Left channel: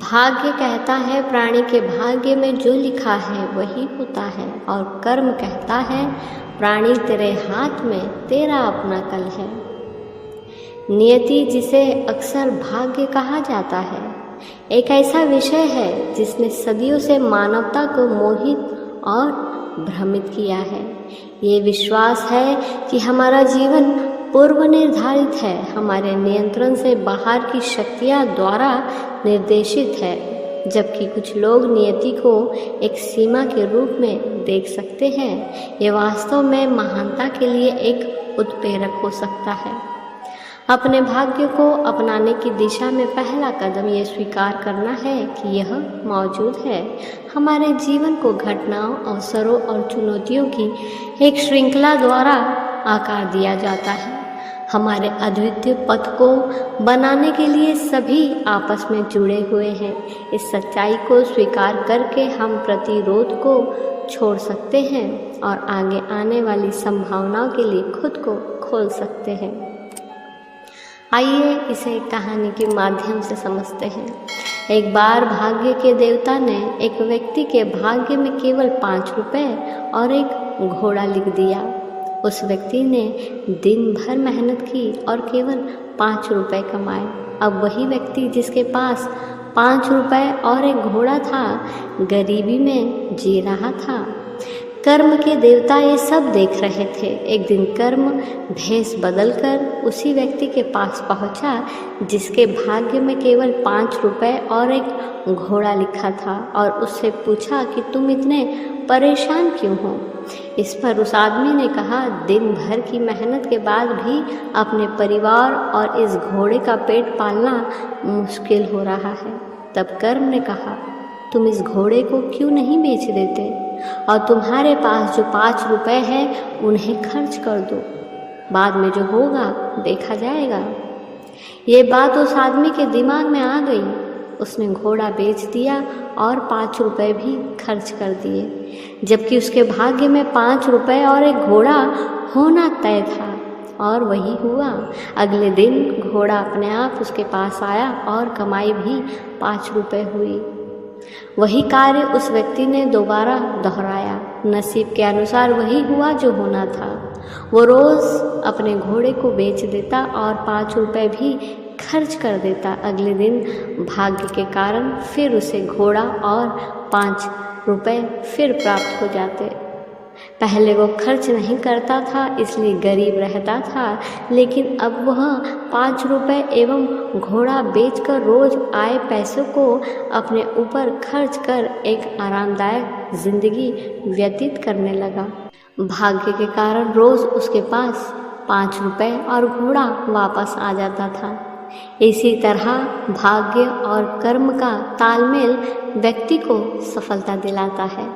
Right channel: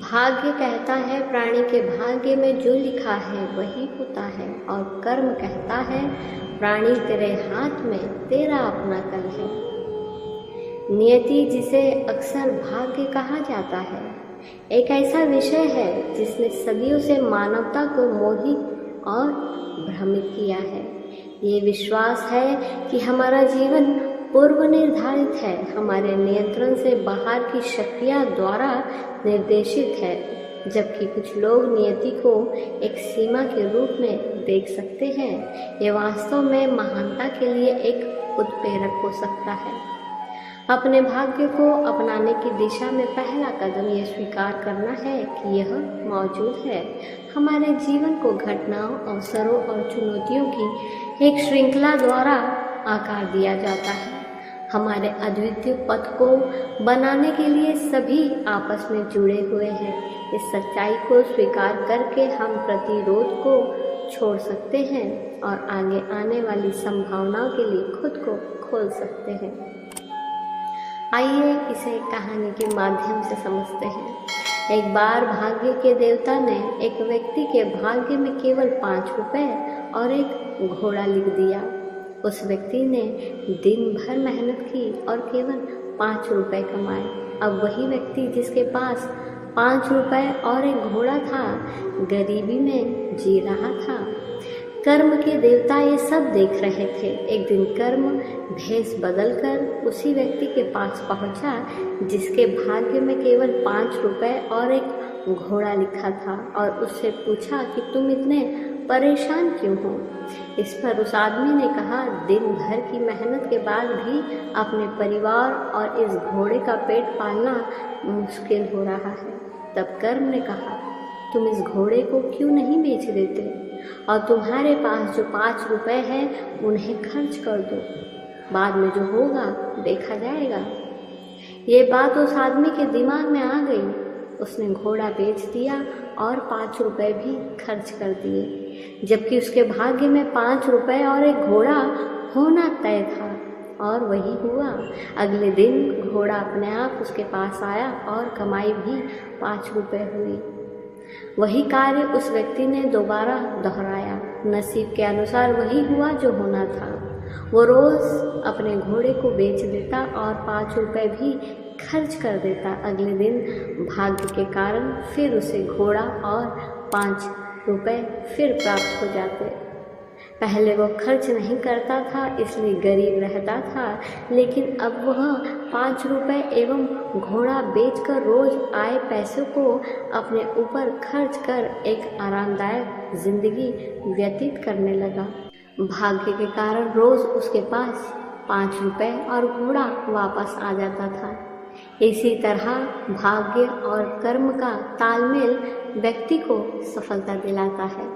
भाग्य कहता है प्राणी के भाग्य में जो लिखा है वही होता है, और कर्म कहता है प्राणी तेरे हाथ में तेरा अपना कल है। नियति, जिसे अक्सर भाग्य कहा जाता है, एक ऐसा विषय है जिसने सदियों से मानवता को मोहित और भ्रमित किया है। ये विश्वास है कि हमारा जीवन पूर्व निर्धारित है, हमारे नियंत्रण से बाहर की शक्तियाँ द्वारा निर्देशित है, जबकि कुछ लोग नियति को एक सीमा के रूप में देख सकते हैं। ये वास्तव में महानता के लिए एक उत्प्रेरक हो सकता है। अपने भाग्य को अपनाने की दिशा में पहला कदम यह स्वीकार करना है कि यह मौजूद है। हमारे जीवन को घटनाओं, अवसरों और चुनौतियों की एक श्रृंखला द्वारा आकार दिया जाता है। हमारे अद्वितीय पथ को बनाने के लिए सभी आपस में जुड़े हुए हैं। इस सच्चाई को स्वीकार करके हम प्रतिरोध को छोड़ सकते हैं और आगे आने वाली संभावनाओं के लिए खुद को खोल सकते हैं। आइए इसे एक कहानी के माध्यम से समझते हैं। एक बार भाग्य के देवता ने एक व्यक्ति के भाग्य में केवल 5 रुपए और एक घोड़ा लिख दिया। उस व्यक्ति ने दिन भर मेहनत की और केवल 5 रुपए कमाए। अब वही व्यक्ति जिसके पास 5 रुपए और एक घोड़ा था, गरीबी में जी रहा था। कर्म के देवता ये सब देख रहे थे। एक दिन कर्म भेष बदलकर उसी व्यक्ति के पास पहुंचा जिसके भाग्य में केवल 5 रुपए और एक घोड़ा लिखा था, और उससे पूछा कि तुम इतने परेशान क्यों हो। इस पर उस आदमी ने कहा, दिन भर की मेहनत के बाद भी अपने परिवार और इस घोड़े का पेट पालना मुश्किल हो रहा है। तब कर्म ने कहा, तुम इस घोड़े को क्यों नहीं बेच देते और तुम्हारे पास जो 5 रुपए हैं उन्हें खर्च कर दो, बाद में जो होगा देखा जाएगा। ये बात उस आदमी के दिमाग में आ गई। उसने घोड़ा बेच दिया और 5 रुपए भी खर्च कर दिए, जबकि उसके भाग्य में 5 रुपए और एक घोड़ा होना तय था, और वही हुआ। अगले दिन घोड़ा अपने आप उसके पास आया और कमाई भी 5 रुपए हुई। वही कार्य उस व्यक्ति ने दोबारा दोहराया। नसीब के अनुसार वही हुआ जो होना था। वो रोज़ अपने घोड़े को बेच देता और 5 रुपए भी खर्च कर देता। अगले दिन भाग्य के कारण फिर उसे घोड़ा और 5 रुपए फिर प्राप्त हो जाते। पहले वो खर्च नहीं करता था इसलिए गरीब रहता था, लेकिन अब वह 5 रुपए एवं घोड़ा बेचकर रोज आए पैसों को अपने ऊपर खर्च कर एक आरामदायक जिंदगी व्यतीत करने लगा। भाग्य के कारण रोज उसके पास 5 रुपए और घोड़ा वापस आ जाता था। इसी तरह भाग्य और कर्म का तालमेल व्यक्ति को सफलता दिलाता है।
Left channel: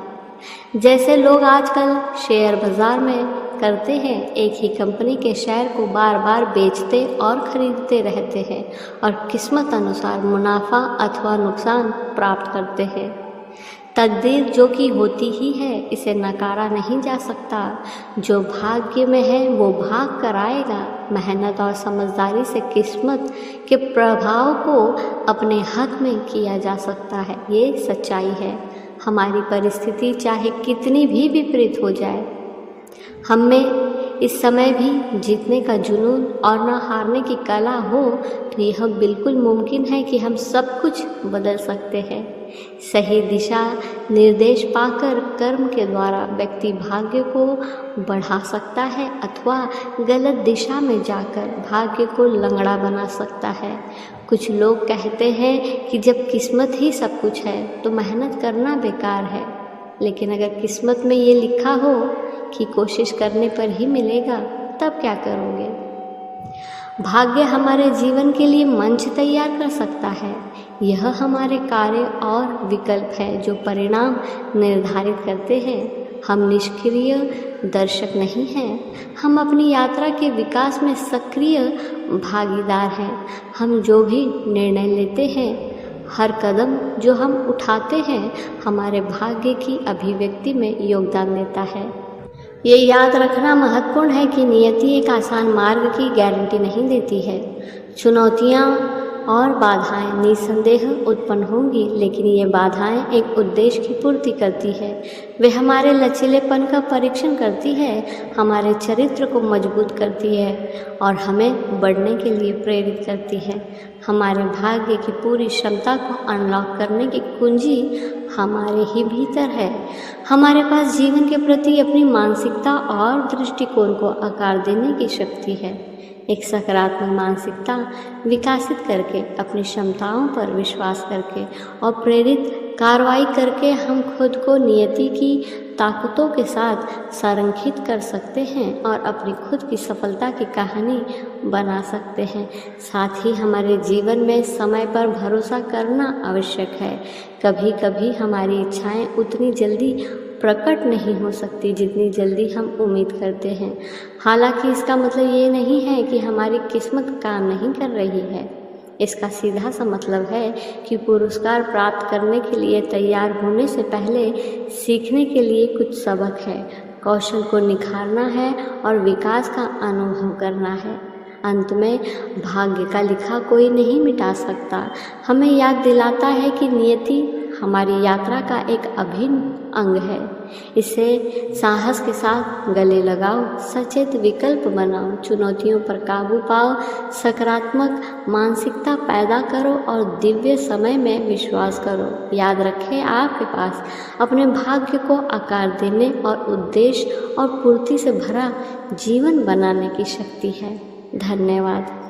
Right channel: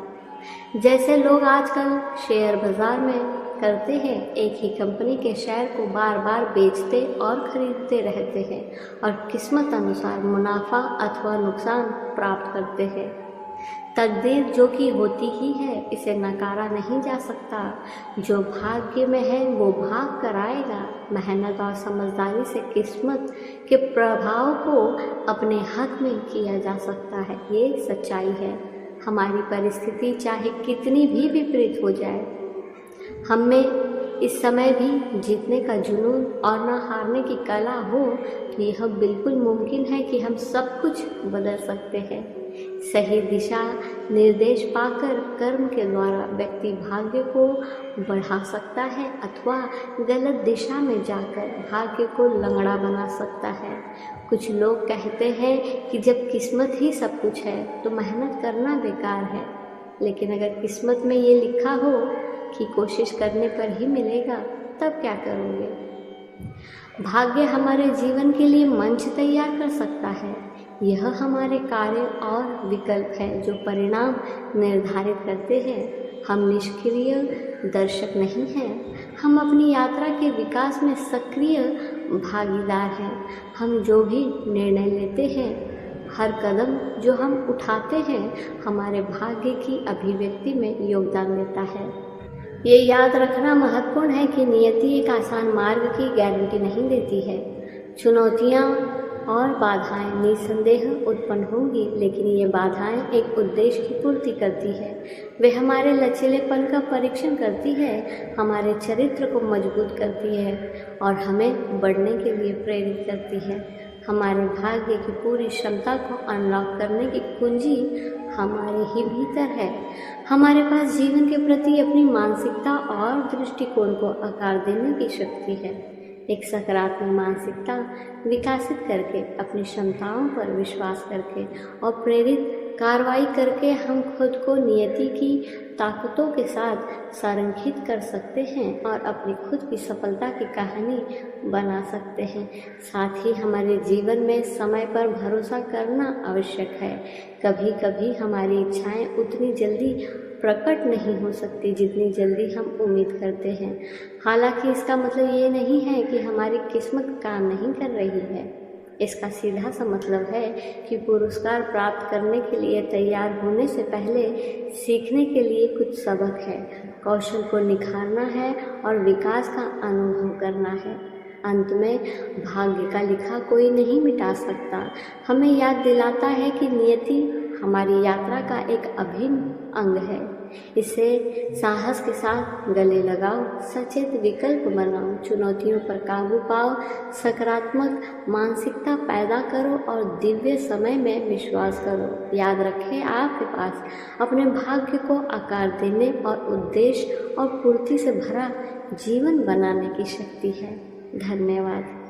जैसे लोग आजकल शेयर बाजार में करते हैं, एक ही कंपनी के शेयर को बार बार बेचते और खरीदते रहते हैं और किस्मत अनुसार मुनाफा अथवा नुकसान प्राप्त करते हैं। तकदीर जो कि होती ही है, इसे नकारा नहीं जा सकता। जो भाग्य में है वो भाग कर आएगा। मेहनत और समझदारी से किस्मत के प्रभाव को अपने हक में किया जा सकता है। ये सच्चाई है। हमारी परिस्थिति चाहे कितनी भी विपरीत हो जाए, हम में इस समय भी जीतने का जुनून और न हारने की कला हो, तो यह बिल्कुल मुमकिन है कि हम सब कुछ बदल सकते हैं। सही दिशा निर्देश पाकर कर्म के द्वारा व्यक्ति भाग्य को बढ़ा सकता है अथवा गलत दिशा में जाकर भाग्य को लंगड़ा बना सकता है। कुछ लोग कहते हैं कि जब किस्मत ही सब कुछ है तो मेहनत करना बेकार है, लेकिन अगर किस्मत में ये लिखा हो कि कोशिश करने पर ही मिलेगा, तब क्या करोगे? भाग्य हमारे जीवन के लिए मंच तैयार कर सकता है। यह हमारे कार्य और विकल्प है जो परिणाम निर्धारित करते हैं। हम निष्क्रिय दर्शक नहीं हैं, हम अपनी यात्रा के विकास में सक्रिय भागीदार हैं। हम जो भी निर्णय लेते हैं, हर कदम जो हम उठाते हैं, हमारे भाग्य की अभिव्यक्ति में योगदान देता है। ये याद रखना महत्वपूर्ण है कि नियति एक आसान मार्ग की गारंटी नहीं देती है। चुनौतियाँ और बाधाएं निसंदेह उत्पन्न होंगी, लेकिन ये बाधाएं एक उद्देश्य की पूर्ति करती है। वे हमारे लचीलेपन का परीक्षण करती है, हमारे चरित्र को मजबूत करती है और हमें बढ़ने के लिए प्रेरित करती है। हमारे भाग्य की पूरी क्षमता को अनलॉक करने की कुंजी हमारे ही भीतर है। हमारे पास जीवन के प्रति अपनी मानसिकता और दृष्टिकोण को आकार देने की शक्ति है। एक सकारात्मक मानसिकता विकसित करके, अपनी क्षमताओं पर विश्वास करके और प्रेरित कार्रवाई करके हम खुद को नियति की ताकतों के साथ संरेखित कर सकते हैं और अपनी खुद की सफलता की कहानी बना सकते हैं। साथ ही हमारे जीवन में समय पर भरोसा करना आवश्यक है। कभी कभी हमारी इच्छाएं उतनी जल्दी प्रकट नहीं हो सकती जितनी जल्दी हम उम्मीद करते हैं। हालांकि इसका मतलब ये नहीं है कि हमारी किस्मत काम नहीं कर रही है। इसका सीधा सा मतलब है कि पुरस्कार प्राप्त करने के लिए तैयार होने से पहले सीखने के लिए कुछ सबक है, कौशल को निखारना है और विकास का अनुभव करना है। अंत में भाग्य का लिखा कोई नहीं मिटा सकता, हमें याद दिलाता है कि नियति हमारी यात्रा का एक अभिन्न अंग है। इसे साहस के साथ गले लगाओ, सचेत विकल्प बनाओ, चुनौतियों पर काबू पाओ, सकारात्मक मानसिकता पैदा करो और दिव्य समय में विश्वास करो। याद रखें, आपके पास अपने भाग्य को आकार देने और उद्देश्य और पूर्ति से भरा जीवन बनाने की शक्ति है। धन्यवाद।